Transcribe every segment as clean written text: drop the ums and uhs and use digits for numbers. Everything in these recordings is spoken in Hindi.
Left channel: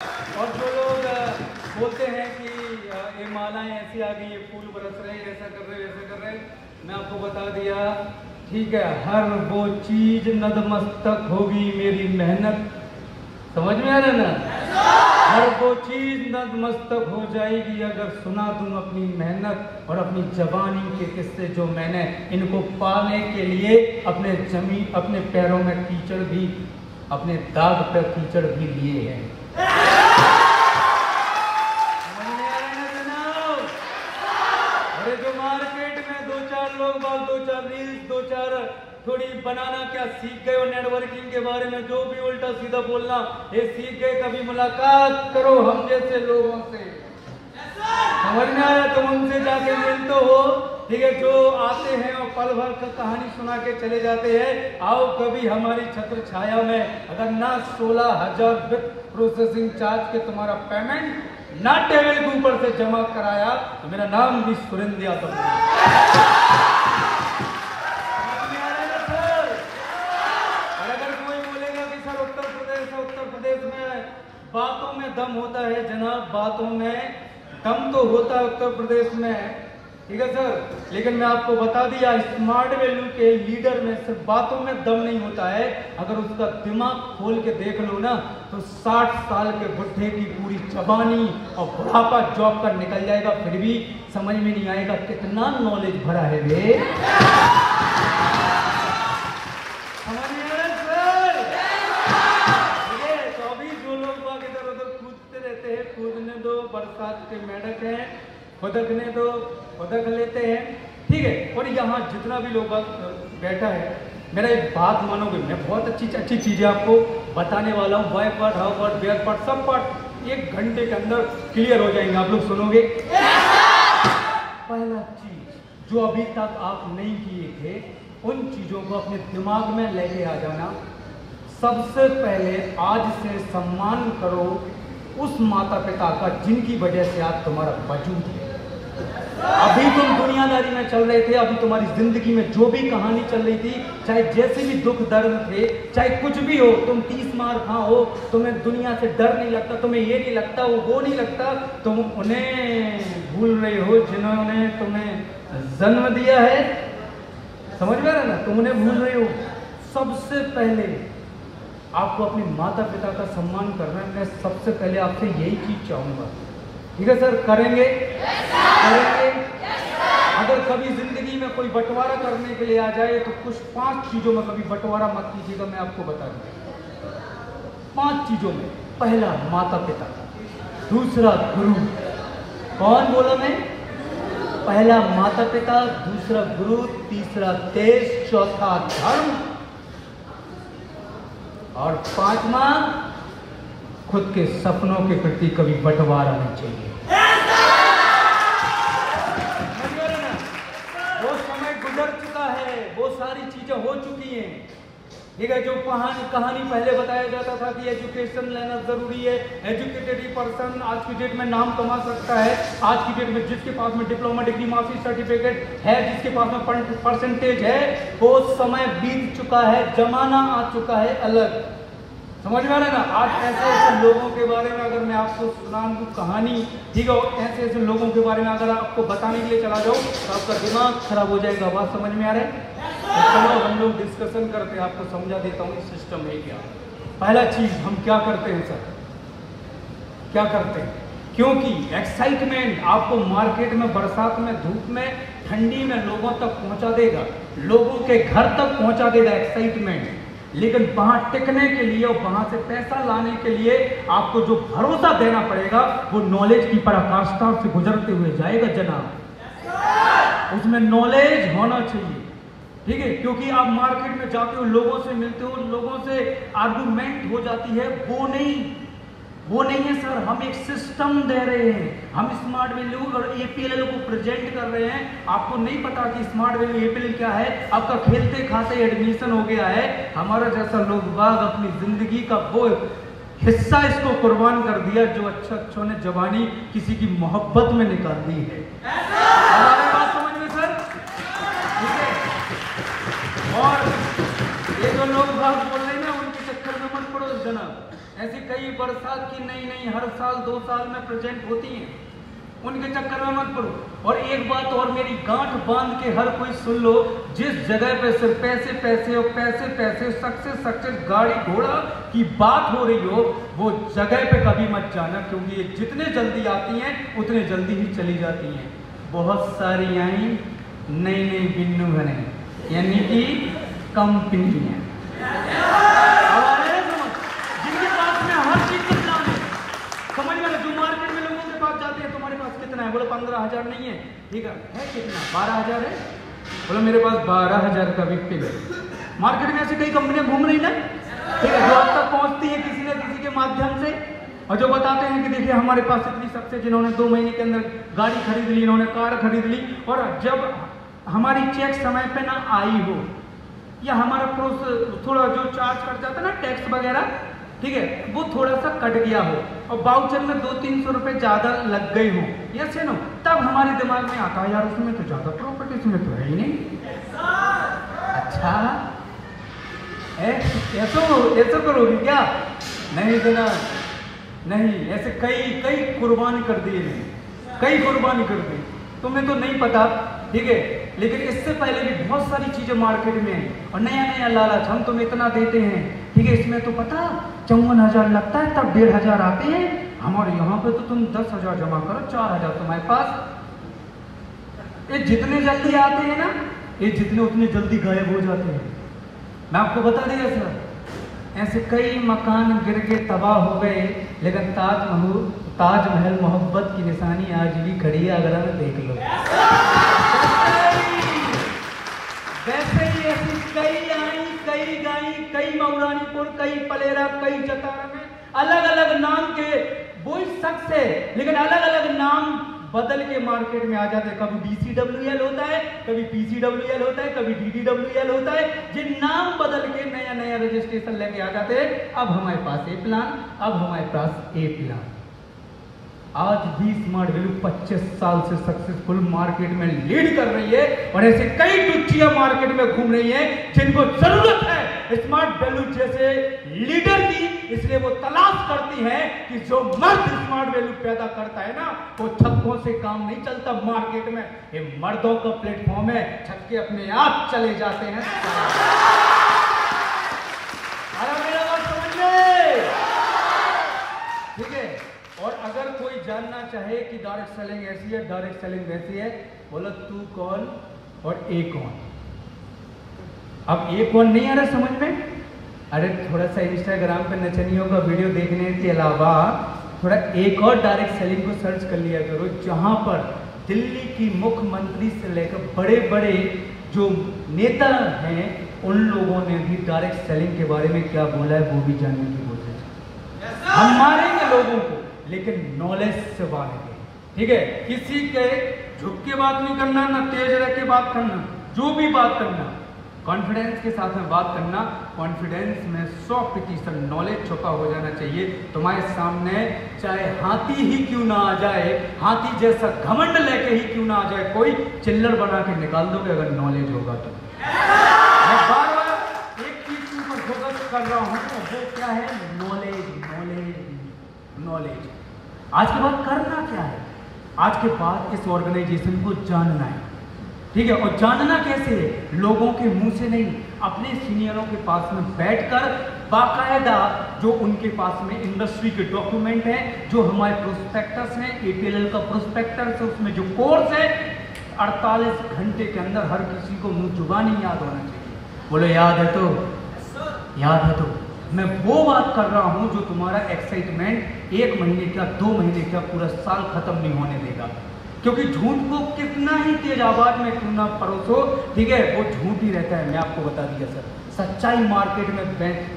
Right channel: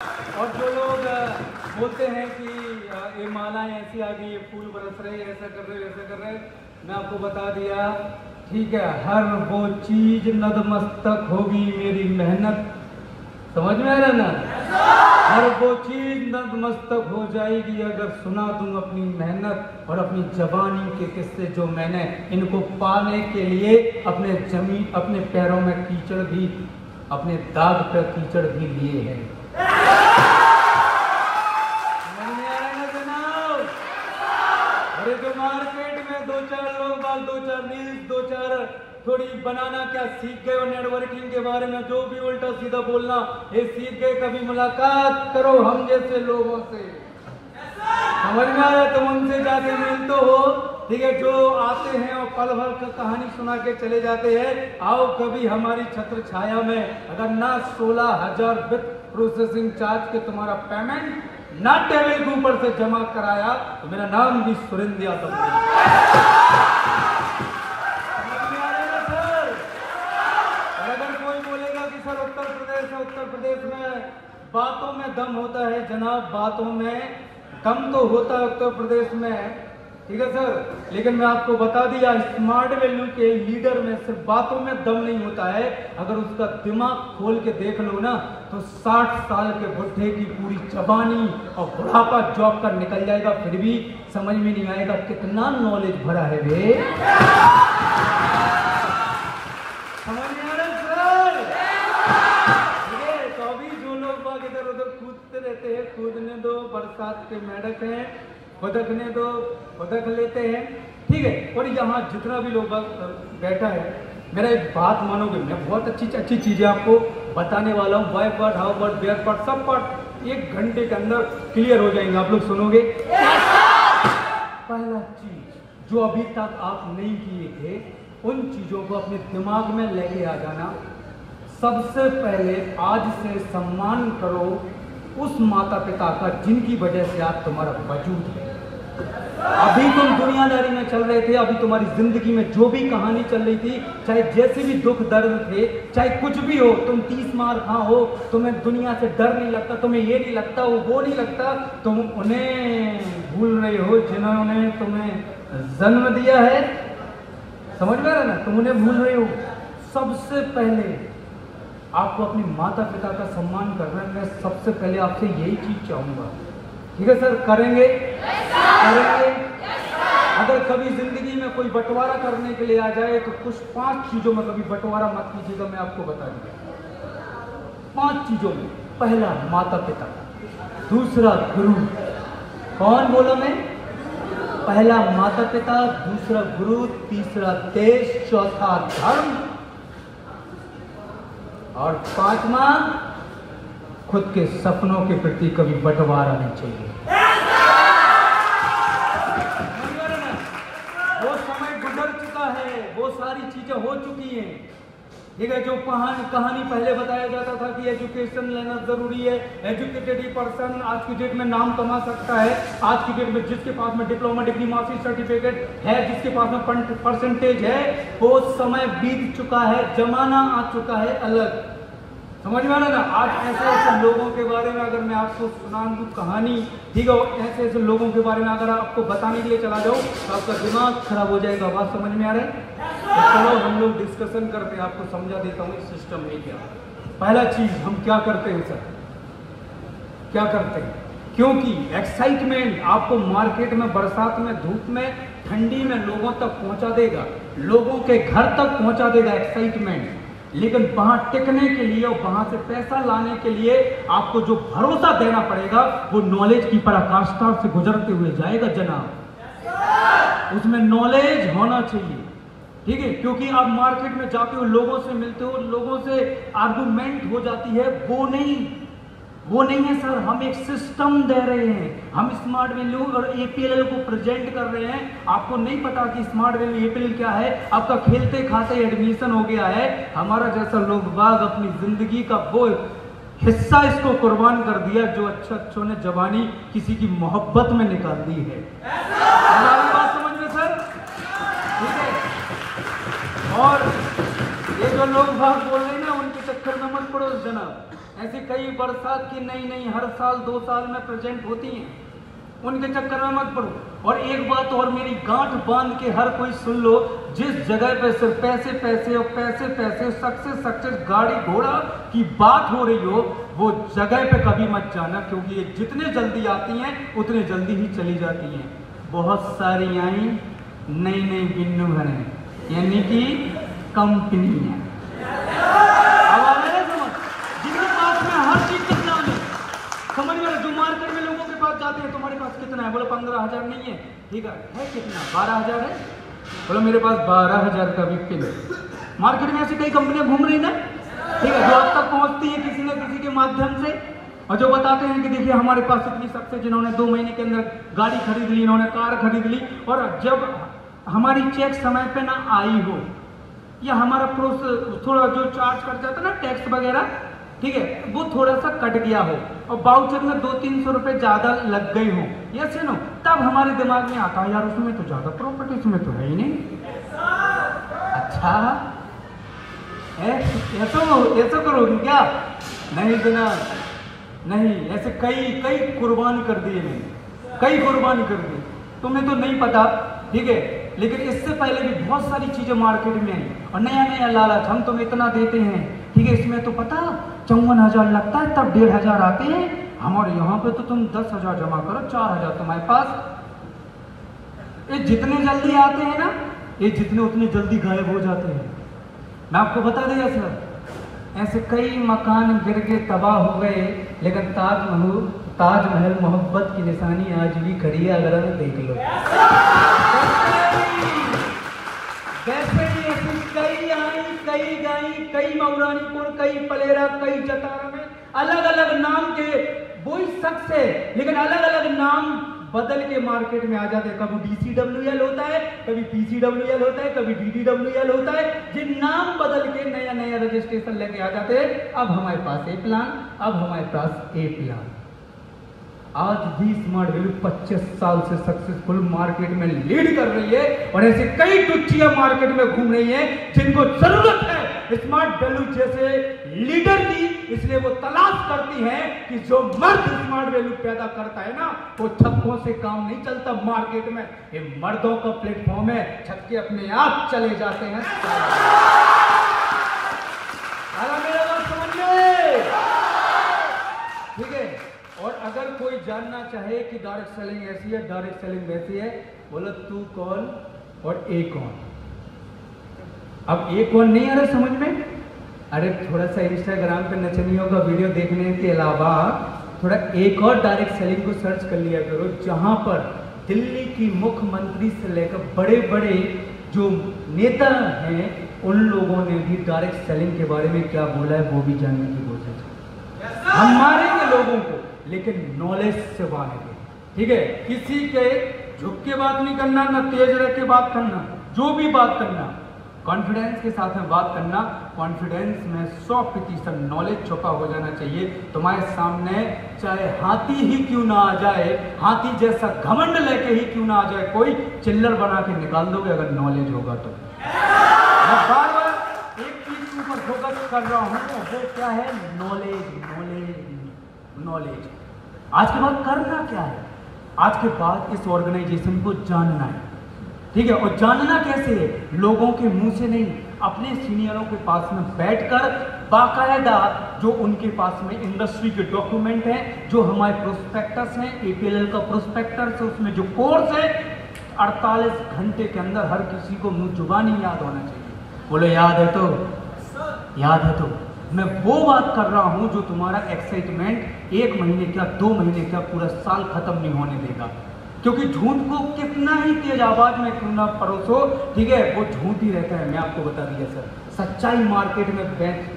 और जो लोग बोलते हैं कि ये मालाएं ऐसी आ गई, ये फूल बरस रहे, ऐसा कर रहे, वैसा कर रहे, मैं आपको बता दिया, ठीक है, हर वो चीज नतमस्तक होगी मेरी मेहनत, समझ में आ रहा ना? हर वो चीज नतमस्तक हो जाएगी अगर सुना दूं अपनी मेहनत और अपनी जवानी के किस्से जो मैंने इनको पाने के लिए अपने पैरों में कीचड़ भी, अपने दाग पर कीचड़ भी लिए हैं। अरे जो मार्केट में दो चार लोग, दो चार रील्स, दो चार थोड़ी बनाना क्या सीख गए, और नेटवर्किंग के बारे में जो भी उल्टा सीधा बोलना ये सीख गए, कभी मुलाकात करो हम जैसे लोगों से, समझ में आया? तुम उनसे जाके मिलते हो, ठीक है, जो आते हैं और पल भर का कहानी सुना के चले जाते हैं। आओ कभी हमारी छत्र छाया में, अगर ना 16,000 विथ प्रोसेसिंग चार्ज के तुम्हारा पेमेंट ना टेबल के ऊपर से जमा कराया तो मेरा नाम भी सुरेंद्र यादव है। अगर कोई बोलेगा कि सर उत्तर प्रदेश में बातों में दम होता है, जनाब बातों में दम तो होता है उत्तर प्रदेश में, ठीक है सर, लेकिन मैं आपको बता दिया स्मार्ट वैल्यू के लीडर में सिर्फ बातों में दम नहीं होता है, अगर उसका दिमाग खोल के देख लो ना तो 60 साल के बुढ़े की पूरी जवानी और बुढ़ापा जॉब कर निकल जाएगा, फिर भी समझ में नहीं आएगा कितना नॉलेज भरा है रे। तो अभी जो लोग इधर उधर कूदते रहते हैं, कूदने दो, बरसात के मेढक हैं, बदकने दो, बदक लेते हैं, ठीक है। और यहाँ जितना भी लोग बैठा है, मेरा एक बात मानोगे, मैं बहुत अच्छी चीजें आपको बताने वाला हूँ, by part, how part, bare part, सब पार्ट 1 घंटे के अंदर क्लियर हो जाएंगे, आप लोग सुनोगे। पहला चीज जो अभी तक आप नहीं किए थे, उन चीजों को अपने दिमाग में लेके आ जाना। सबसे पहले आज से सम्मान करो उस माता पिता का जिनकी वजह से आप तुम्हारा वजूद है। अभी तुम दुनियादारी में चल रहे थे, अभी तुम्हारी जिंदगी में जो भी कहानी चल रही थी, चाहे जैसे भी दुख दर्द थे, चाहे कुछ भी हो, तुम 30 मार खा हो, तुम्हें दुनिया से डर नहीं लगता, तुम्हें ये नहीं लगता, वो नहीं लगता, तुम उन्हें भूल रहे हो जिन्होंने तुम्हें जन्म दिया है, समझ में आ रहा ना? तुम उन्हें भूल रहे हो। सबसे पहले आपको अपने माता पिता का सम्मान करना है। मैं सबसे पहले आपसे यही चीज चाहूंगा, ठीक है सर? करेंगे? करेंगे? अगर कभी जिंदगी में कोई बंटवारा करने के लिए आ जाए तो कुछ 5 चीजों में कभी बंटवारा मत कीजिएगा, मैं आपको बता दूं। 5 चीजों में, पहला माता पिता, दूसरा गुरु, कौन बोला मैं? पहला माता पिता, दूसरा गुरु, तीसरा देश, चौथा धर्म और 5वां खुद के सपनों के प्रति कभी बंटवारा नहीं चाहिए। वो समय गुजर चुका है, वो सारी चीजें हो चुकी हैं, ठीक है। जो कहानी पहले बताया जाता था कि एजुकेशन लेना जरूरी है, एजुकेटेड पर्सन आज की डेट में नाम कमा सकता है, आज की डेट में जिसके पास में डिप्लोमा डिग्री मास्टर्स सर्टिफिकेट है, जिसके पास में परसेंटेज है, वो समय बीत चुका है, जमाना आ चुका है अलग, समझ में आ रहा है ना? आज ऐसे ऐसे लोगों के बारे में अगर मैं आपको सुनाऊं कहानी, ठीक है, ऐसे ऐसे लोगों के बारे में अगर आपको बताने के लिए चला जाऊं तो आपका दिमाग खराब हो जाएगा। बात समझ में आ रहा है? तो चलो हम लोग डिस्कशन करते हैं, आपको समझा देता हूँ सिस्टम है क्या। पहला चीज हम क्या करते हैं सर, क्या करते हैं? क्योंकि एक्साइटमेंट आपको मार्केट में, बरसात में, धूप में, ठंडी में लोगों तक पहुंचा देगा, लोगों के घर तक पहुंचा देगा एक्साइटमेंट, लेकिन वहां टिकने के लिए और वहां से पैसा लाने के लिए आपको जो भरोसा देना पड़ेगा वो नॉलेज की पराकाष्ठा से गुजरते हुए जाएगा जनाब, उसमें नॉलेज होना चाहिए, ठीक है। क्योंकि आप मार्केट में जाते हो, लोगों से मिलते हो, लोगों से आर्गुमेंट हो जाती है, वो नहीं है सर। हम एक सिस्टम दे रहे हैं, हम स्मार्ट वैल्यू और एपीएल को प्रेजेंट कर रहे हैं। आपको नहीं पता कि स्मार्ट वैल्यू एपीएल क्या है, आपका खेलते खाते एडमिशन हो गया है। हमारा जैसा लोग बाग अपनी जिंदगी का वो हिस्सा इसको कुर्बान कर दिया जो अच्छों ने जवानी किसी की मोहब्बत में निकाल दी है। बात समझ में सर? ठीक है। और ये जो लोग बाग बोल रहे हैं ना, उनके चक्कर में मत पड़ो जनाब, ऐसी कई बरसात की नई नई हर साल 2 साल में प्रेजेंट होती हैं, उनके चक्कर में मत पड़ो। और एक बात और मेरी गांठ बांध के हर कोई सुन लो, जिस जगह पे सिर्फ पैसे पैसे और पैसे पैसे, सक्सेस सक्सेस, गाड़ी घोड़ा की बात हो रही हो, वो जगह पे कभी मत जाना, क्योंकि ये जितने जल्दी आती हैं उतने जल्दी ही चली जाती हैं। बहुत सारी आई नई नई बिन्नू बने, यानी कि कंपनी है, जिनके पास में हर चीज का नाम है। समझ में, जो मार्केट में लोगों के पास जाते हैं, तुम्हारे पास कितना है? बोलो 15,000 नहीं है, ठीक है कितना? 12,000 है। बोलो मेरे पास 12,000 का विक्टिव है। मार्केट में ऐसी कई कंपनियां घूम रही ना, ठीक है, जो अब तक पहुंचती है किसी न किसी के माध्यम से, और जो बताते हैं कि देखिए हमारे पास इतनी सक्सेस, जिन्होंने 2 महीने के अंदर गाड़ी खरीद ली, इन्होंने कार खरीद ली, और जब हमारी चेक समय पे ना आई हो, या हमारा थोड़ा जो चार्ज कट जाता है ना, टैक्स वगैरह, ठीक है, वो थोड़ा सा कट गया हो, और बाउचर में 200-300 रुपए ज्यादा लग गए हो, यस नो, तब हमारे दिमाग में आता है यार उसमें तो ज्यादा प्रॉफिट, इसमें तो है ही नहीं। अच्छा ऐसा करोगे क्या? नहीं जनाब, नहीं, ऐसे कई कुर्बानी कर दिए, कई कुर्बानी कर दी, तुम्हें तो नहीं पता, ठीक है, लेकिन इससे पहले भी बहुत सारी चीजें मार्केट में है, और नया नया लालच, हम तुम इतना देते हैं, ठीक है, इसमें तो पता 54,000 लगता है, तब 1,500 आते हैं, हमारे यहाँ पे तो तुम 10,000 जमा करो, 4,000 तुम्हारे पास। ये जितने जल्दी आते हैं ना, ये जितने उतने जल्दी गायब हो जाते हैं। मैं आपको बता दिया सर, ऐसे कई मकान गिर के तबाह हो गए, लेकिन ताजमहल मोहब्बत की निशानी आज भी खड़ी है, अगर आप देख लो। वैसे ही ऐसी कई आई, कई गई, कई मऊरानीपुर, कई पलेरा, कई जतारा में अलग अलग नाम के वही शख्स है, लेकिन अलग अलग नाम बदल के मार्केट में आ जाते हैं। कभी DCWL होता है, कभी PCWL होता है, कभी DDWL होता है, जिन नाम बदल के नया नया रजिस्ट्रेशन लेके आ जाते हैं। अब हमारे पास ए प्लान, अब हमारे पास ए प्लान। आज भी स्मार्ट वैल्यू 25 साल से सक्सेसफुल मार्केट में लीड कर रही है, और ऐसे कई टुच्चियां मार्केट में घूम रही हैं जिनको जरूरत है स्मार्ट वैल्यू जैसे लीडर की। इसलिए वो तलाश करती है कि जो मर्द स्मार्ट वैल्यू पैदा करता है ना, वो छक्कों से काम नहीं चलता मार्केट में, ये मर्दों का प्लेटफॉर्म है, छक्के अपने आप चले जाते हैं। मेरा बात समझिए, ठीक है। और अगर कोई जानना चाहे कि डायरेक्ट सेलिंग ऐसी है, डायरेक्ट सेलिंग वैसी है, बोलो तू कौन और ए कौन। अब ए कौन नहीं आ रहा समझ में? अरे थोड़ा सा इंस्टाग्राम पे नचनियों का वीडियो देखने के अलावा थोड़ा एक और डायरेक्ट सेलिंग को सर्च कर लिया करो, जहां पर दिल्ली की मुख्यमंत्री से लेकर बड़े बड़े जो नेता हैं, उन लोगों ने भी डायरेक्ट सेलिंग के बारे में क्या बोला है वो भी जानने की कोशिश की। हम मारेंगे लोगों को, लेकिन नॉलेज से मारेंगे, ठीक है। किसी के झुक के बात नहीं करना, ना तेज रह के बात करना, जो भी बात करना कॉन्फिडेंस के साथ में बात करना। कॉन्फिडेंस में 100% नॉलेज छुपा हो जाना चाहिए। तुम्हारे सामने चाहे हाथी ही क्यों ना आ जाए, हाथी जैसा घमंड लेके ही क्यों ना आ जाए, कोई चिल्लर बना के निकाल दोगे अगर नॉलेज होगा तो। मैं बार एक चीज के ऊपर फोकस कर रहा हूँ, वो क्या है? Knowledge, knowledge, knowledge. आज के बाद करना क्या है? आज के बाद इस ऑर्गेनाइजेशन को जानना है, ठीक है। और जानना कैसे है? लोगों के मुंह से नहीं, अपने सीनियरों के पास में बैठकर बाकायदा जो उनके पास में इंडस्ट्री के डॉक्यूमेंट हैं, जो हमारे प्रोस्पेक्टस हैं, APLL का प्रोस्पेक्टस है, उसमें जो कोर्स है, 48 घंटे के अंदर हर किसी को मुंह जुबानी याद होना चाहिए। बोलो याद है तो? याद है तो? मैं वो बात कर रहा हूं जो तुम्हारा एक्साइटमेंट 1 महीने का, 2 महीने का, पूरा साल खत्म नहीं होने देगा। क्योंकि झूठ को कितना ही तेज आवाज में क्यों ना परोसो, ठीक है, वो झूठ ही रहता है। मैं आपको बता दिया सर, सच्चाई मार्केट में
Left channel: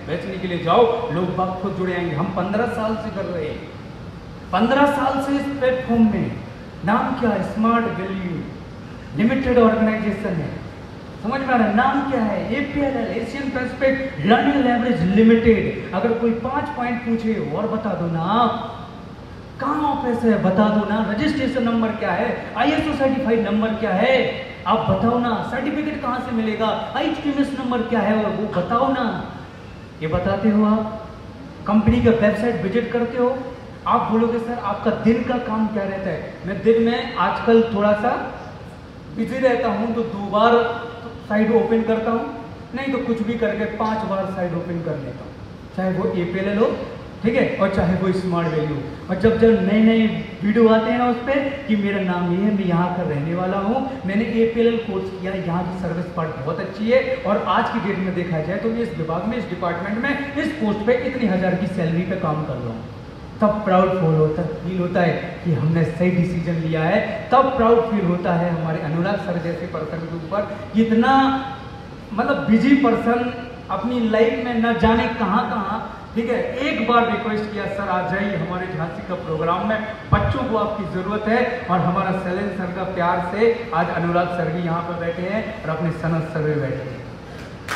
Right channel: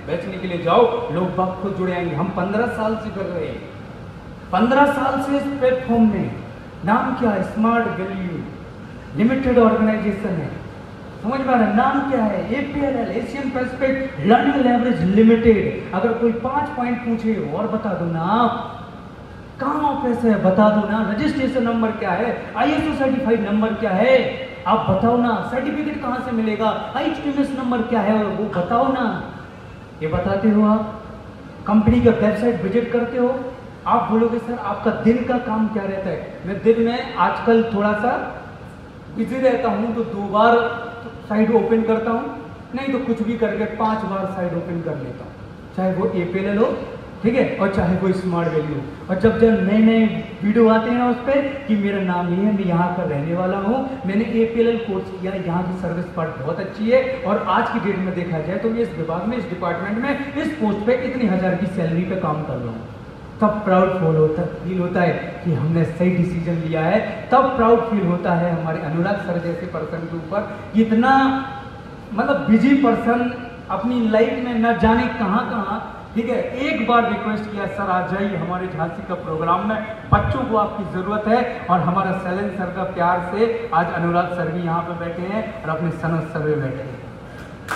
बेचने के लिए जाओ, लोग वक्त खुद जुड़े आएंगे। हम 15 साल से कर रहे हैं, 15 साल से इस प्लेटफॉर्म में। नाम क्या है? स्मार्ट वैल्यू लिमिटेड ऑर्गेनाइजेशन है, समझ में आ रहा है? नाम क्या है? APLL, Asian Pacific learning laboratory limited. अगर कोई 5 पॉइंट पूछे और बता दो ना आप, कहाँ ऑफिस है बता दो ना, रजिस्ट्रेशन नंबर क्या है, ISO सर्टिफाइड नंबर क्या है, आप बताओ ना, सर्टिफिकेट कहाँ से मिलेगा, IHMS नंबर क्या है, वो बताओ ना। ये बताते हो आप? कंपनी का वेबसाइट विजिट करते हो, आप बोलोगे सर आपका दिन का काम क्या रहता है? मैं दिन में आजकल थोड़ा सा बिजी रहता हूं तो 2 बार साइट ओपन करता हूं, नहीं तो कुछ भी करके 5 बार साइट ओपन कर लेता हूं, चाहे वो एपीएल हो, ठीक है, और चाहे वो स्मार्ट वैल्यू। और जब जब नए नए वीडियो आते हैं ना उस पर कि मेरा नाम ये है, मैं यहाँ का रहने वाला हूँ, मैंने एपीएल कोर्स किया, यहाँ की सर्विस पार्ट बहुत अच्छी है, और आज की डेट में देखा जाए तो इस विभाग में, इस डिपार्टमेंट में, इस पोस्ट पे इतनी हजार की सैलरी पे काम कर रहा हूँ, तब प्राउड फील होता है कि हमने सही डिसीजन लिया है। तब प्राउड फील होता है हमारे अनुराग सर जैसे पर्सन के ऊपर, इतना मतलब बिजी पर्सन अपनी लाइफ में न जाने कहां कहां, ठीक है। एक बार रिक्वेस्ट किया, सर आ जाइए हमारे झांसी का प्रोग्राम में, बच्चों को आपकी जरूरत है, और हमारा सैलन सर का प्यार से आज अनुराग सर भी यहाँ पे बैठे हैं और अपने सनत सर भी बैठे हैं।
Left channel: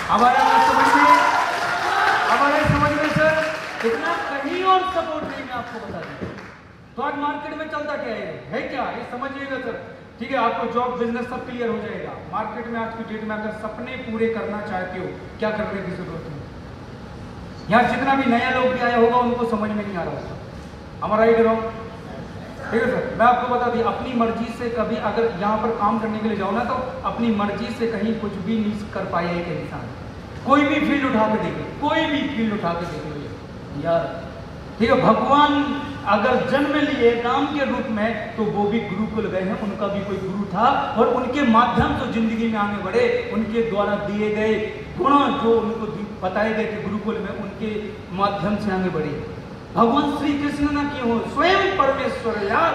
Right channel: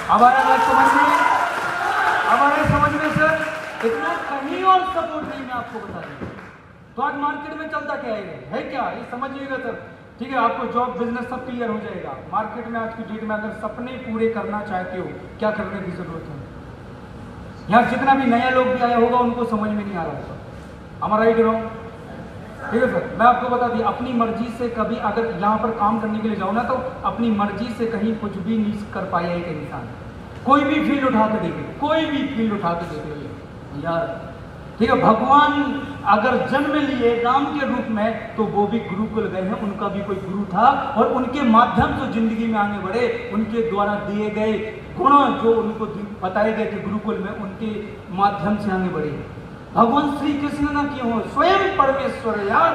हमारे समझिए, हमारे समझिए सर, इतना कहीं और सपोर्ट नहीं, मैं आपको बता दूं। तो आज मार्केट में चलता क्या है क्या, ये समझिएगा सर, ठीक है। आपको जॉब बिजनेस सब क्लियर हो जाएगा। मार्केट में आज की डेट में अगर सपने पूरे करना चाहते हो, क्या करने की जरूरत है? यहाँ जितना भी नए लोग भी आए होगा उनको समझ में नहीं आ रहा होगा, हमारा ही रहो, ठीक है सर। मैं आपको बता दी, अपनी मर्जी से कभी अगर यहाँ पर काम करने के लिए जाओ ना, तो अपनी मर्जी से कहीं कुछ भी नहीं कर पाया एक इंसान। कोई भी फील्ड उठा के देखे, कोई भी फील्ड उठा के देख लो यार, ठीक है। भगवान अगर जन्म लिए नाम के रूप में, तो वो भी गुरुकुल गए हैं, उनका भी कोई गुरु था, और उनके माध्यम से जिंदगी में आगे बढ़े, उनके द्वारा दिए गए गुण जो उनको बताए गए थे गुरुकुल में, उनके माध्यम से आगे बढ़े। भगवान श्री कृष्ण ना किए हो, स्वयं परमेश्वर है यार,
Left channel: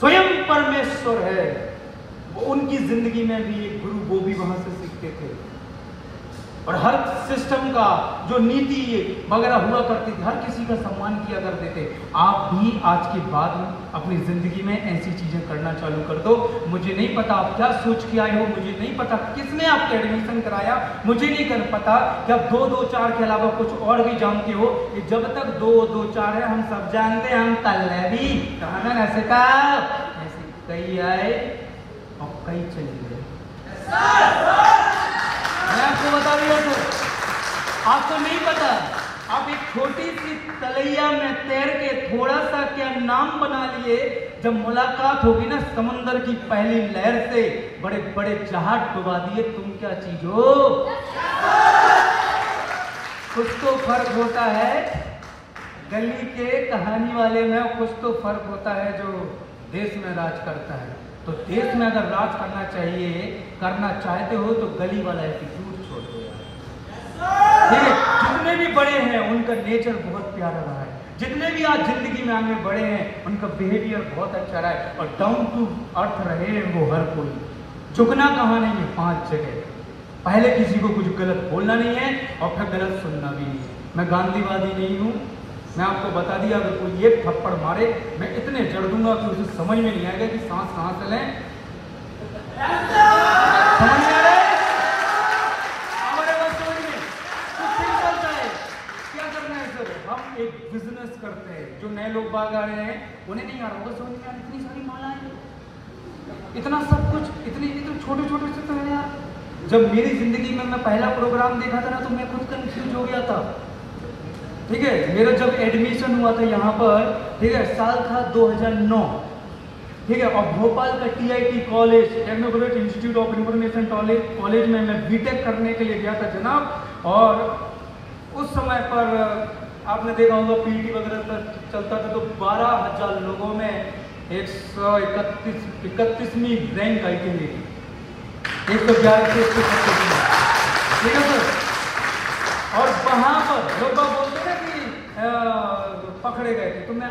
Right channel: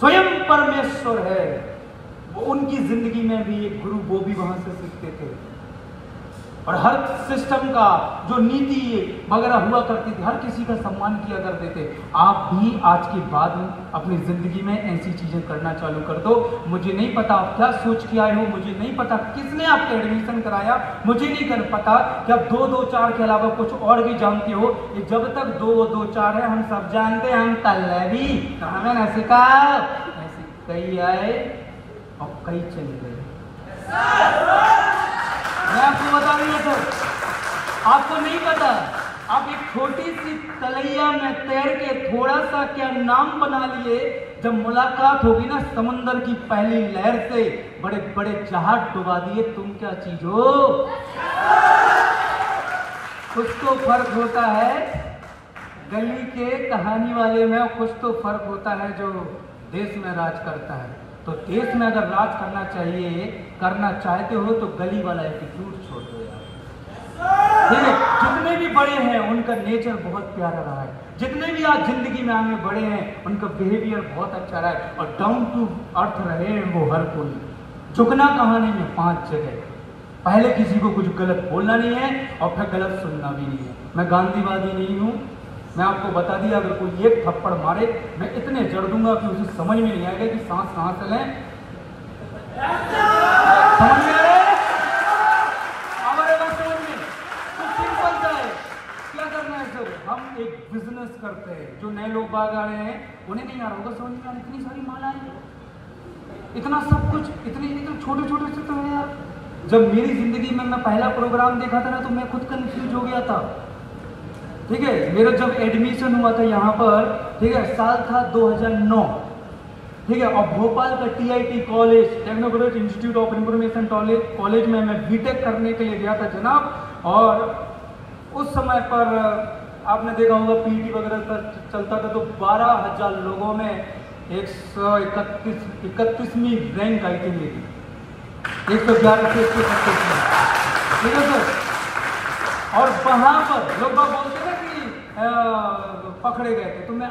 स्वयं परमेश्वर है वो। उनकी जिंदगी में भी एक गुरु, वो भी वहां से सीखते थे, और हर सिस्टम का जो नीति वगैरह हुआ करती थी, हर किसी का सम्मान किया करते थे। आप भी आज के बाद अपनी जिंदगी में ऐसी चीजें करना चालू कर दो। मुझे नहीं पता आप क्या सोच के आए हो, मुझे नहीं पता किसने आपको एडमिशन कराया, मुझे नहीं कर पता कि आप 2 2 4 के अलावा कुछ और भी जानते हो। जब तक 2 2 4 है हम सब जानते हैं, हम तलेबी कहां ऐसे का ऐसे कई आए और कई चले गए। मैं आपको बता दिया सर, आपको नहीं पता, आप एक छोटी सी तलैया में तैर के थोड़ा सा क्या नाम बना लिए, जब मुलाकात होगी ना समुद्र की पहली लहर से, बड़े बड़े जहाज डुबा दिए, तुम क्या चीज हो? कुछ तो फर्क होता है गली के कहानी वाले में, कुछ तो फर्क होता है जो देश में राज करता है। तो देश में अगर राज करना चाहिए, करना चाहते हो, तो गली वाला एटीट्यूड छोड़ दो यार, ठीक है। जितने भी बड़े हैं उनका नेचर बहुत प्यारा रहा है, जितने भी आज जिंदगी में आगे बढ़े हैं उनका बिहेवियर बहुत अच्छा रहा है, और डाउन टू अर्थ रहे वो हर कोई। झुकना कहाँ नहीं, 5 जगह। पहले किसी को कुछ गलत बोलना नहीं है, और फिर गलत सुनना भी नहीं है। मैं गांधीवादी नहीं हूँ, मैं आपको बता दिया, अगर कोई एक थप्पड़ मारे मैं इतने जड़ दूंगा कि उसे समझ में नहीं आएगा कि सांस कहां से लें। समझ में आ रहा है? हमारे पास समझ में कुछ सिंपल सा है, क्या करना है सर, हम एक बिजनेस करते हैं। जो नए लोग बाग आ रहे हैं उन्हें नहीं आ रहा होगा समझ में, यार इतनी सारी मालाएं, इतना सब कुछ, इतने छोटे छोटे से तो है यार। जब मेरी जिंदगी में मैं पहला प्रोग्राम देखा था ना, तो मैं खुद कंफ्यूज हो गया था, ठीक है। मेरा जब एडमिशन हुआ था यहाँ पर, ठीक है, साल था 2009, ठीक है, और भोपाल का TIT college, technocrat institute of information college में मैं बीटेक करने के लिए गया था जनाब। और उस समय पर आपने देखा होगा पीटी वगैरह चलता था, तो 12,000 लोगों में 131वीं रैंक आई थी मेरी, 111 से 131, ठीक है सर। और वहां पर लोग बोलते थे कि पकड़े गए थे, तो मैं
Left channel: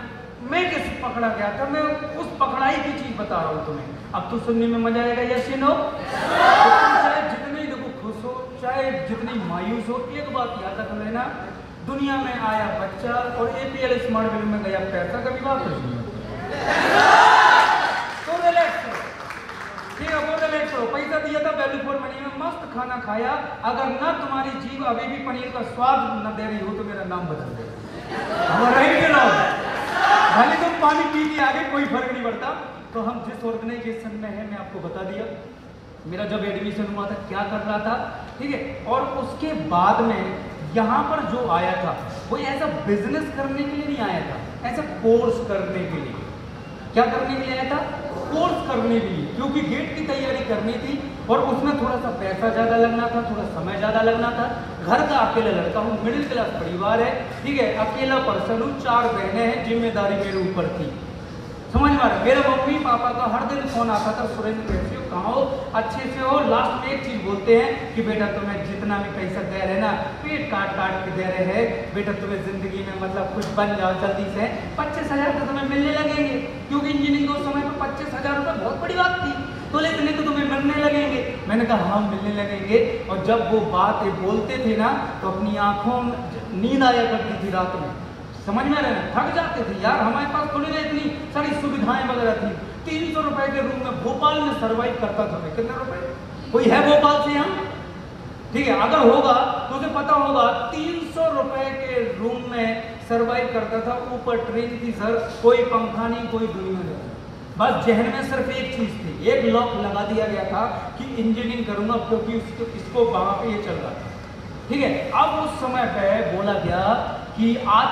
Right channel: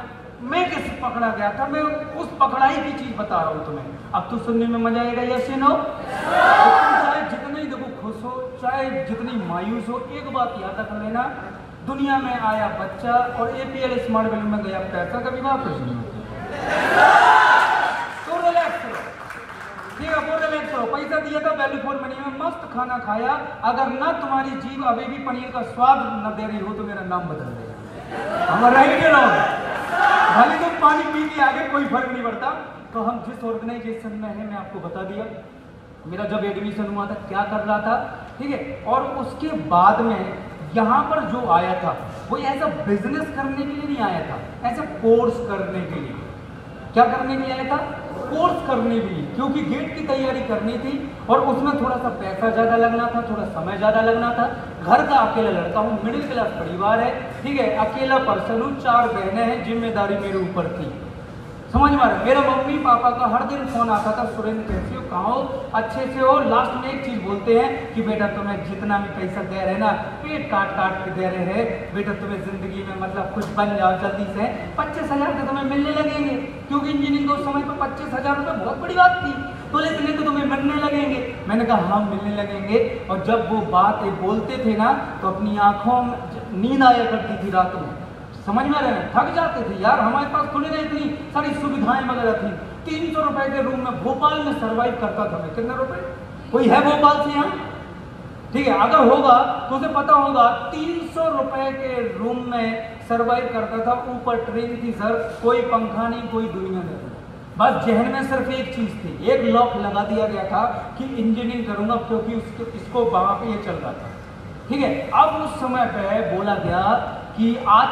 कैसे पकड़ा गया था, मैं उस पकड़ाई की चीज बता रहा हूं तुम्हें। अब तो सुनने में मजा आएगा, यस या नो? चाहे जितने देखो खुश हो, चाहे जितनी मायूस हो, एक बात याद रख लेना, दुनिया में आया बच्चा और एपीएल स्मार्ट वैल्यू में गया पैसा, कभी वापस नहीं होता। तो रिलैक्स हो, ठीक है, वो रिलैक्स हो। पैसा दिया था वैल्यू फॉर मनी में, मस्त खाना खाया, अगर ना तुम्हारी जीभ अभी भी पनीर का स्वाद न दे रही हो तो मेरा नाम बदल देगा, हमारा ही भले तुम पानी पी के आगे कोई फर्क नहीं पड़ता। तो हम जिस ऑर्गेनाइजेशन में है, मैं आपको बता दिया मेरा जब एडमिशन हुआ था क्या कर रहा था, ठीक है। और उसके बाद में यहाँ पर जो आया था वो ऐसा बिजनेस करने के लिए नहीं आया था, ऐसा कोर्स करने के लिए। क्या करने के लिए आया था? कोर्स करने के लिए, क्योंकि गेट की तैयारी करनी थी और उसमें थोड़ा सा पैसा ज्यादा लगना था, थोड़ा समय ज्यादा लगना था। घर का अकेला लड़का हूँ, मिडिल क्लास परिवार है, ठीक है, अकेला पर्सन हूँ, 4 बहनें हैं, जिम्मेदारी मेरे ऊपर थी। समझ में आ रहा है? मेरे मम्मी पापा का हर दिन फोन आता था, सुरेंद्र कैसे हो, कहाँ हो, अच्छे से हो। लास्ट में एक चीज बोलते हैं कि बेटा तुम्हें जितना भी पैसा दे रहे ना, पेट काट काट के दे रहे हैं, बेटा तुम्हें जिंदगी में मतलब कुछ बन जाओ जल्दी से। 25,000 तो तुम्हें मिलने लगेंगे, क्योंकि इंजीनियरिंग उस समय पर 25,000 रुपये बहुत बड़ी बात थी, तो लेकिन तो तुम्हें मिलने लगेंगे। मैंने कहा हाँ मिलने लगेंगे। और जब वो बात बोलते थे ना तो अपनी आंखों में नींद आया करती थी रात में। समझ में आ रहा है? थक जाते थे यार, हमारे पास खुली नहीं इतनी सारी सुविधाएं वगैरह थी। 300 रुपए के रूम में भोपाल में सरवाइव करता था मैं। कितने रुपए? कोई है भोपाल से यहाँ? ठीक है, अगर होगा तो उसे पता होगा 300 रुपए के रूम में सरवाइव करता था। ऊपर ट्रेन थी सर, कोई पंखा नहीं, कोई दुनिया नहीं, बस जहन में सिर्फ एक चीज थी, एक लॉक लगा दिया गया था कि इंजीनियरिंग करूंगा, क्योंकि इसको वहां पे ये चल रहा था। ठीक है, अब उस समय पे बोला गया कि आज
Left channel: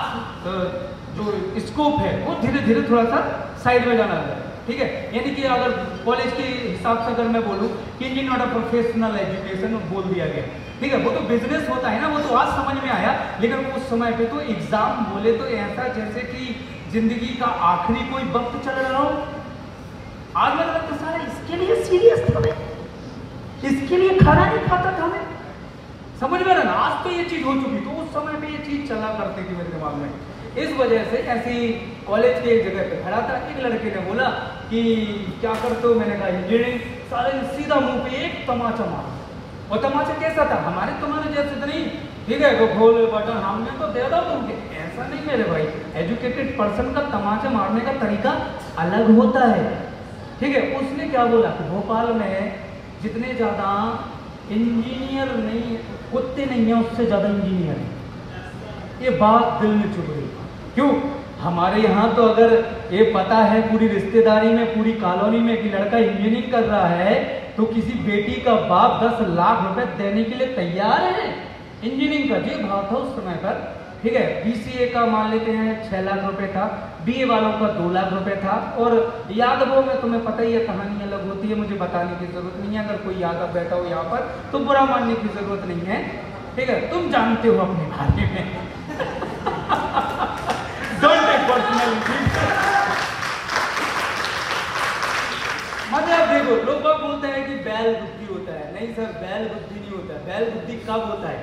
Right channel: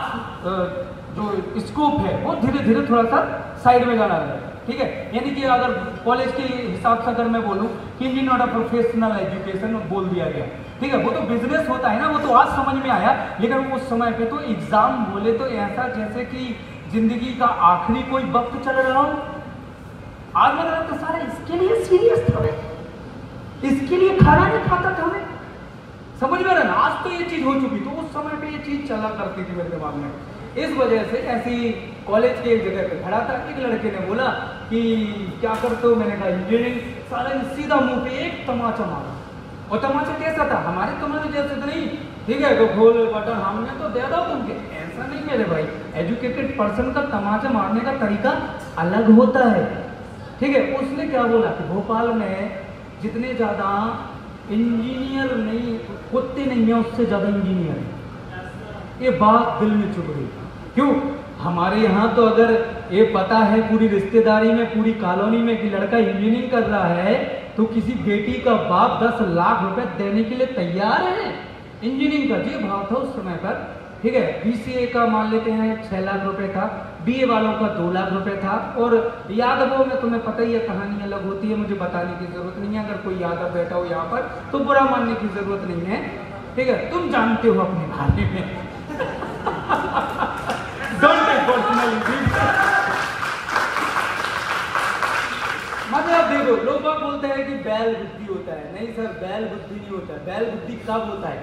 जो स्कोप है वो धीरे धीरे थोड़ा सा साइड में जाना है। ठीक है, यानी कि अगर कॉलेज के हिसाब से अगर मैं बोलूं कि engineering not a professional education बोल दिया गया। ठीक है, वो तो बिजनेस होता है ना, वो तो आज समझ में आया, लेकिन उस समय पे तो एग्जाम बोले तो ऐसा जैसे कि जिंदगी का आखिरी कोई वक्त चल रहा हो। आज लग रहा था सारा इसके लिए सीरियस था मैं, इसके लिए खाना नहीं खाता था मैं। समझ में रहा? आज तो ये चीज हो चुकी, तो उस समय पे ये चीज चला करती थी मेरे दिमाग में। इस वजह से ऐसी कॉलेज के एक जगह पे खड़ा था, एक लड़के ने बोला कि क्या करते हो? मैंने कहा इंजीनियरिंग। सारा सीधा मुंह पे एक तमाचा मारा। और तमाचा कैसा था? हमारे तुम्हारे जैसे तो नहीं, ठीक है, तो खोल बटन हमने तो दे दो तुमके, ऐसा नहीं मेरे भाई। एजुकेटेड पर्सन का तमाचा मारने का तरीका अलग होता है। ठीक है, उसने क्या बोला कि भोपाल में जितने ज्यादा इंजीनियर नहीं, कुत्ते नहीं है, उससे ज्यादा इंजीनियर है। ये बात दिल में चुभ गई। क्यों? हमारे यहाँ तो अगर ये पता है पूरी रिश्तेदारी में, पूरी कॉलोनी में कि लड़का इंजीनियरिंग कर रहा है, तो किसी बेटी का बाप 10 लाख रुपए देने के लिए तैयार है। इंजीनियरिंग का ये भाव था उस समय पर। ठीक है, बीसीए का मान लेते हैं 6 लाख रुपए था, बीए वालों का 2 लाख रुपए था। और यादवों में तुम्हें पता ही है, कहानी अलग होती है, मुझे बताने की जरूरत नहीं है। अगर कोई यादव बैठा हो यहाँ पर तो बुरा मानने की जरूरत नहीं है। ठीक है, तुम जानते हो अपने बारे में। Don't take personally. मतलब देखो, लोग बोलते हैं कि बैल बुद्धि होता है। नहीं सर, बैल बुद्धि नहीं होता है। बैल बुद्धि कब होता है?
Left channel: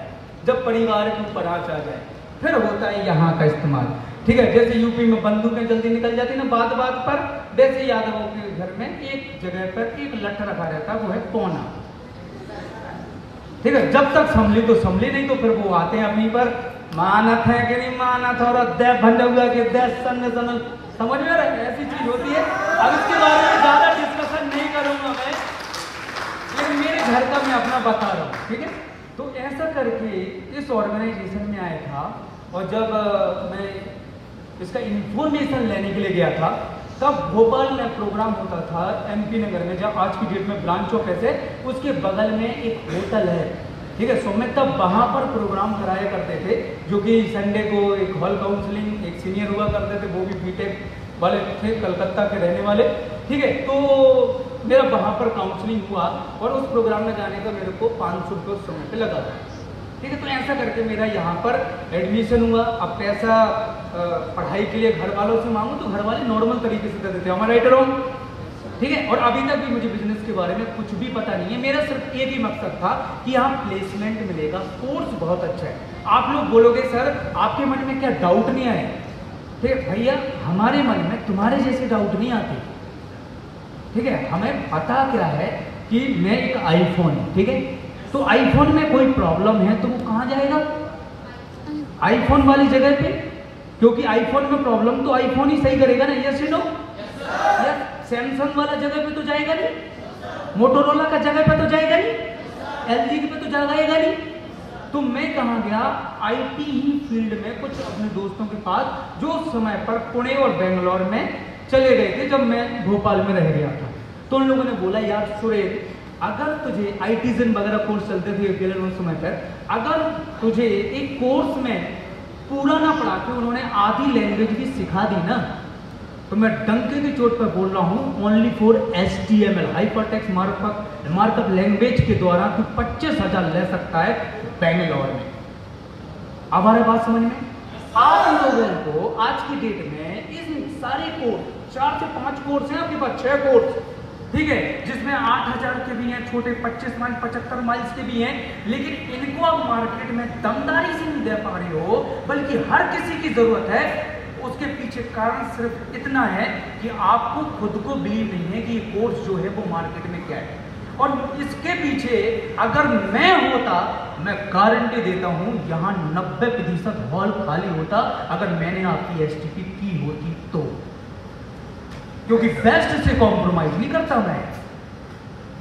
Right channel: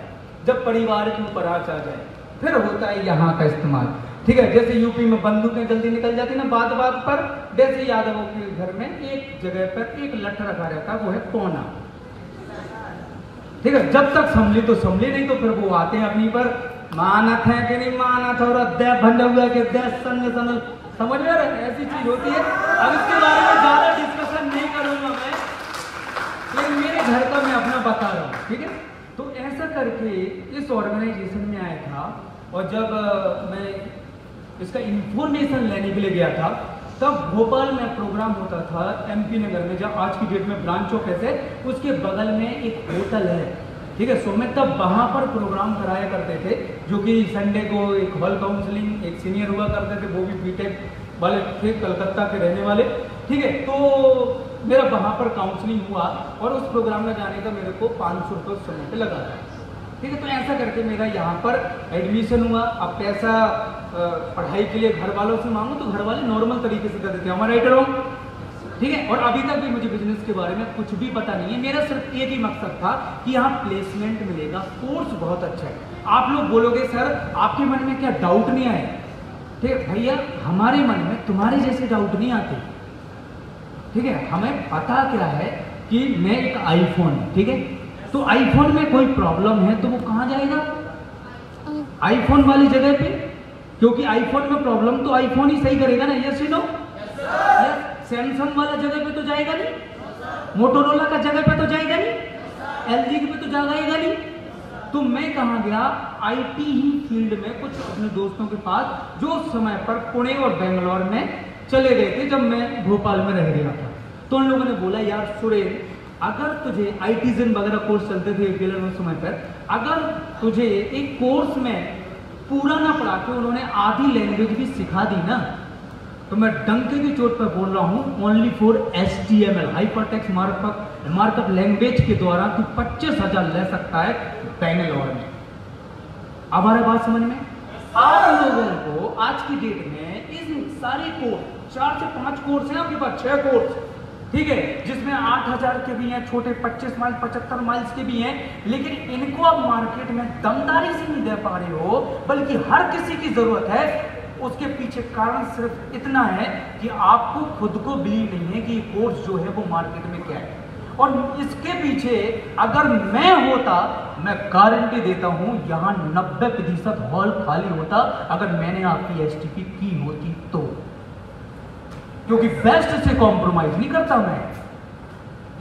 जब परिवार के ऊपर आंच आ जाए, फिर होता है यहाँ का इस्तेमाल। ठीक है, जैसे यूपी में बंदूकें जल्दी निकल जाती ना बात बात पर, वैसे यादवों के घर में एक जगह पर एक लठ रखा रहता, वो है पौना। ठीक है, जब तक संभली तो संभली, नहीं तो फिर वो आते हैं अपनी पर, मानत है कि नहीं मानत, और अध्याय भंडा हुआ के समझ में आ रहा है? ऐसी चीज होती है। अब इसके बारे में ज्यादा डिस्कशन नहीं करूंगा मैं, ये मेरे घर का मैं अपना बता रहा हूँ। ठीक है, तो ऐसा करके इस ऑर्गेनाइजेशन में आया था। और जब मैं इसका इंफॉर्मेशन लेने के लिए गया था, तब भोपाल में प्रोग्राम होता था एमपी नगर में, जब आज की डेट में ब्रांच ऑफ है, उसके बगल में एक होटल है। ठीक है, सो मैं तब वहां पर प्रोग्राम कराया करते थे, जो कि संडे को एक हॉल काउंसलिंग, एक सीनियर हुआ करते थे, वो भी बीटेक वाले थे, कलकत्ता के रहने वाले। ठीक है, तो मेरा वहां पर काउंसलिंग हुआ और उस प्रोग्राम में जाने का मेरे को 500 रुपये उस समय पे लगा था। ठीक है, तो ऐसा करके मेरा यहाँ पर एडमिशन हुआ। अब पैसा पढ़ाई के लिए घर वालों से मांगू तो घर वाले नॉर्मल तरीके से दे देते हैं, हमारा एडरोन। ठीक है, और अभी तक भी मुझे बिजनेस के बारे में कुछ भी पता नहीं है। मेरा सिर्फ एक ही मकसद था कि यहाँ प्लेसमेंट मिलेगा, कोर्स बहुत अच्छा है। आप लोग बोलोगे सर आपके मन में क्या डाउट नहीं आए? ठीक है भैया, हमारे मन में तुम्हारे जैसे डाउट नहीं आते। ठीक है, हमें पता क्या है कि मैं एक आईफोन, ठीक है, तो आईफोन में कोई प्रॉब्लम है तो वो कहाँ जाएगा? आईफोन वाली जगह पे, क्योंकि आईफोन में प्रॉब्लम तो आईफोन ही सही करेगा ना। Yes no? यस। सैमसंग वाला जगह पे तो जाएगा नहीं, मोटोरोला का जगह पे तो जाएगा नहीं, एलजी पे तो जाएगा नहीं। तो मैं कहाँ गया? आईटी ही फील्ड में कुछ अपने दोस्तों के पास, जो उस समय पर पुणे और बेंगलोर में चले गए थे जब मैं भोपाल में रह गया था। तो उन लोगों ने बोला यार सुरेश, अगर तुझे आईटीजन वगैरह कोर्स चलते थे गिलन उस समय पर, अगर तुझे एक कोर्स में पूरा ना पढ़ा के उन्होंने आधी लैंग्वेज भी सिखा दी ना, तो मैं डंके की चोट पर बोल रहा हूं, only for HTML hypertext markup language के द्वारा तू 25,000 ले सकता है बैंगलोर में। अब आ रहा बात समझ में? आप लोगों को आज की डेट में इन सारे कोर्स 4 से 5 कोर्स हैं आपके पास, 6 कोर्स, ठीक है, जिसमें 8,000 के भी हैं, छोटे 25 माइल 75 माइल्स के भी हैं, लेकिन इनको आप मार्केट में दमदारी से नहीं दे पा रहे हो, बल्कि हर किसी की जरूरत है। उसके पीछे कारण सिर्फ इतना है कि आपको खुद को बिलीव नहीं है कि ये कोर्स जो है वो मार्केट में क्या है। और इसके पीछे अगर मैं होता, मैं गारंटी देता हूं यहां 90% हॉल खाली होता अगर मैंने आपकी एसटीपी की होती तो, क्योंकि बेस्ट से कॉम्प्रोमाइज नहीं करता मैं।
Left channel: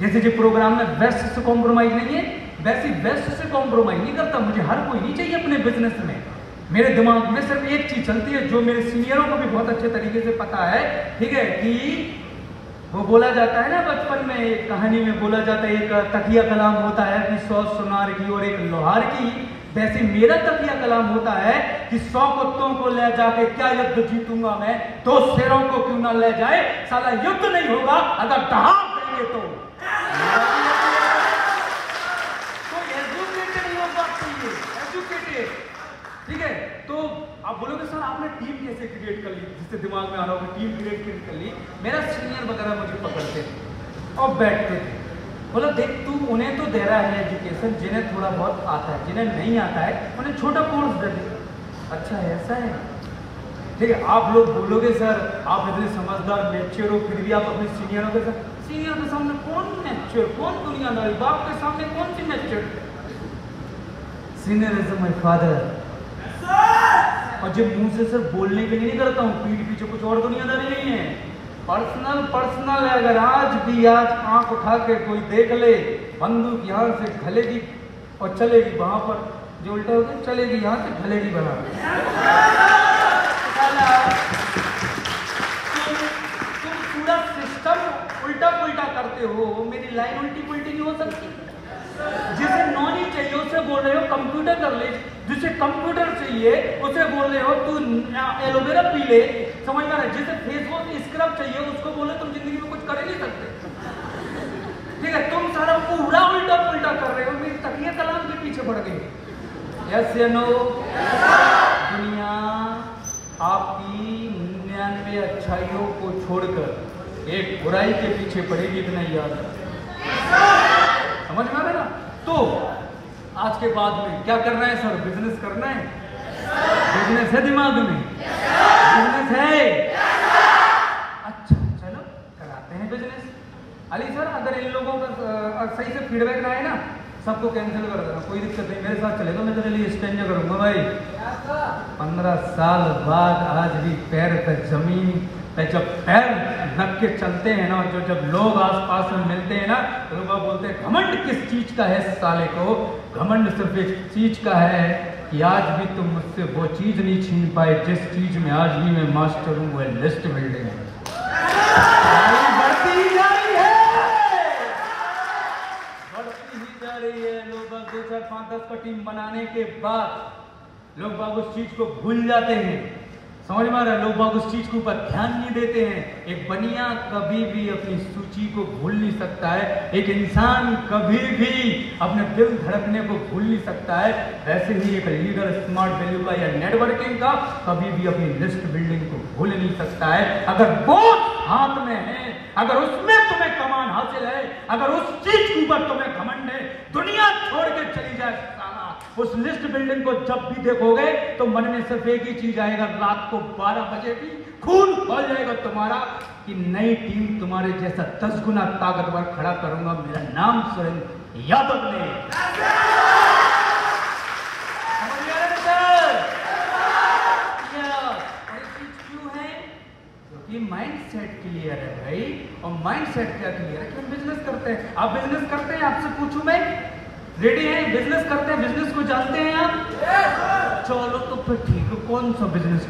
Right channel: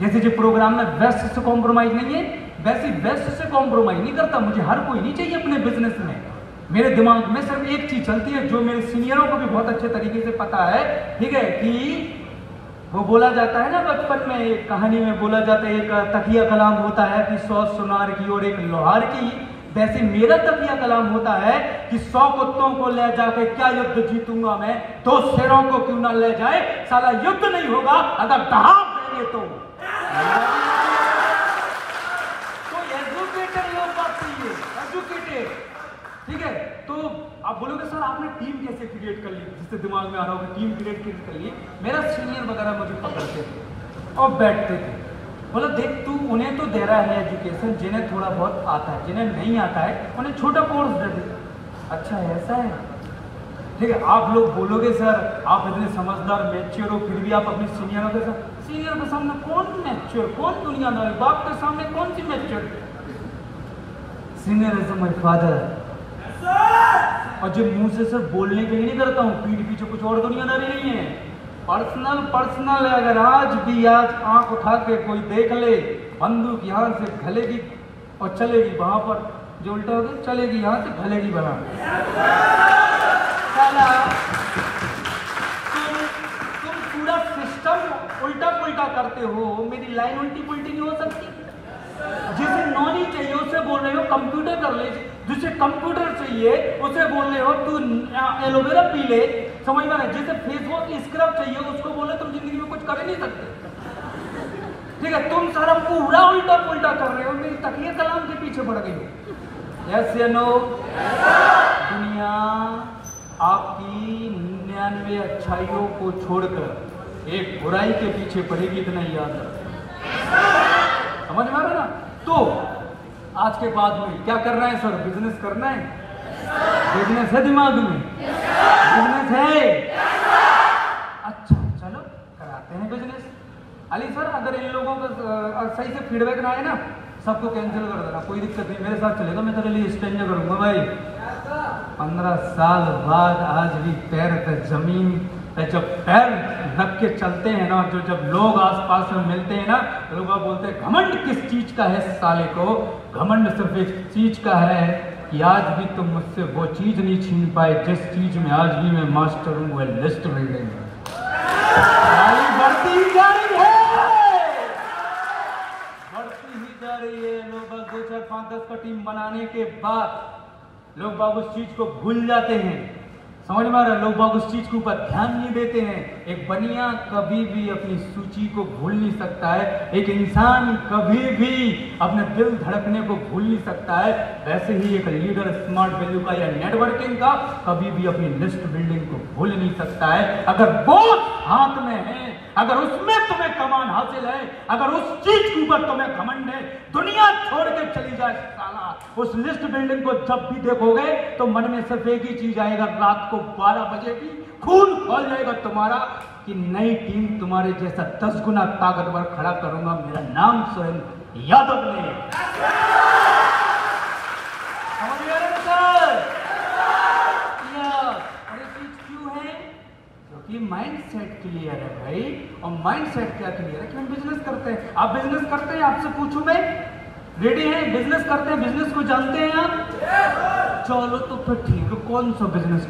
जैसे जो प्रोग्राम में बेस्ट से कॉम्प्रोमाइज नहीं है, वैसे बेस्ट से कॉम्प्रोमाइज नहीं करता। मुझे हर कोई नहीं चाहिए अपने बिजनेस में। मेरे दिमाग में सिर्फ एक चीज चलती है जो मेरे सीनियरों को भी बहुत अच्छे तरीके से पता है, ठीक है, कि वो बोला जाता है ना, बचपन में एक कहानी में बोला जाता है, एक तकिया कलाम होता है कि 100 सुनार की और एक लोहार की। वैसे मेरा तकिया कलाम होता है कि 100 कुत्तों को ले जाके क्या युद्ध जीतूंगा मैं, 2 शेरों को क्यों ना ले जाए, साला युद्ध नहीं होगा अगर दहाड़ देंगे तो। एजुकेटेड लोग बात चाहिए, एजुकेटेड, ठीक है। तो आप बोलोगे सर आपने टीम कैसे क्रिएट कर ली, जिससे दिमाग में आ रहा हो कि टीम क्रिएट कर ली। मेरा सीनियर वगैरह मुझे पकड़ते थे और बैठते थे, बोला देख तू उन्हें तो दे रहा है एजुकेशन, जिन्हें थोड़ा बहुत आता है, जिन्हें नहीं आता है उन्हें छोटा कोर्स दे दे। अच्छा है, ऐसा है, ठीक है। आप लोग बोलोगे सर आप इतने समझदार मैच्योर हो, फिर भी आप अपने सीनियरों के सामने कौन मैच्योर, कौन दुनियादारी, बाप के सामने कौन सी mature. Senior is my father. और जब मुंह से सिर्फ बोलने के लिए नहीं करता हूँ, पीठ पीछे कुछ और दुनियादारी नहीं है। पर्सनल है। अगर आज भी आंख उठा के कोई देख ले, बंदूक यहाँ से घलेगी और चलेगी वहां पर, जो उल्टा होगा चलेगी यहाँ से घलेगी वहां। तुम पूरा सिस्टम उल्टा पुल्टा करते हो, मेरी लाइन उल्टी पुल्टी नहीं हो सकती। जिसे नॉलेज चाहिए उसे बोल रहे हो कंप्यूटर कर ले, जिसे कंप्यूटर चाहिए उसे बोल रहे हो तू एलोवेरा पी ले, समझ में आ रहा है। जिसे फेस वॉश स्क्रब चाहिए उसको बोले तुम जिंदगी में कुछ कर ही नहीं सकते, ठीक है। तुम सारा पूरा उल्टा पुल्टा कर रहे हो, मेरी तकिया कलाम के पीछे बढ़ गई। ऐसे नो दुनिया आपकी 99 अच्छाइयों को छोड़कर एक बुराई के पीछे पड़ेगी, इतना याद है, समझ में आ रहा है ना। तो आज के बाद में क्या करना है सर, बिजनेस करना है, बिजनेस है दिमाग में, बिजनेस है, अच्छा चलो कराते हैं बिजनेस। अली सर अगर इन लोगों का सही से फीडबैक ना आए ना, सबको कैंसिल कर देना, कोई दिक्कत नहीं, मेरे साथ चलेगा, मैं तेरे लिए स्टेंज करूंगा भाई। 15 साल बाद आज भी पैर पे जमीन, जब पैर ढक के चलते हैं ना, जो जब लोग आसपास में मिलते हैं ना, तो लोग बोलते हैं घमंड किस चीज का है साले को। घमंड सिर्फ एक चीज का है कि आज भी तुम मुझसे वो चीज नहीं छीन पाए जिस चीज में आज भी मैं मास्टर हूं, वह लिस्ट बिल्डिंग है। बढ़ती ही जा रही है, बढ़ती ही जा रही है। लोग 2, 4, 5, 10 का टीम बनाने के बाद लोग बाबू उस चीज को भूल जाते हैं, समझ में आ रहा है। लोग बाग उस चीज के ऊपर ध्यान नहीं देते हैं। एक बनिया कभी भी अपनी सूची को भूल नहीं सकता है, एक इंसान कभी भी अपने दिल धड़कने को भूल नहीं सकता है। ऐसे ही एक लीडर स्मार्ट वैल्यू का या नेटवर्किंग का कभी भी अपनी लिस्ट बिल्डिंग को भूल नहीं सकता है। अगर वो हाथ में है, अगर उसमें तुम्हें कमान हासिल है, अगर उस चीज के ऊपर तुम्हें घमंड है, दुनिया छोड़ के चली जाए साला, उस लिस्ट बिल्डिंग को जब भी देखोगे तो मन में सिर्फ एक ही चीज आएगा, रात को 12 बजे भी खून खोल जाएगा तुम्हारा कि नई टीम तुम्हारे जैसा 10 गुना ताकतवर खड़ा करूंगा, मेरा नाम स्वयं यादव ने। क्यों है? क्योंकि माइंड सेट क्लियर है भाई। और माइंड सेट क्या क्लियर है कि हम बिजनेस करते हैं। आप बिजनेस करते हैं, आपसे पूछूं मैं, रेडी है? बिजनेस करते हैं, बिजनेस को जानते हैं आप? चलो तो फिर ठीक है, कौन सा बिजनेस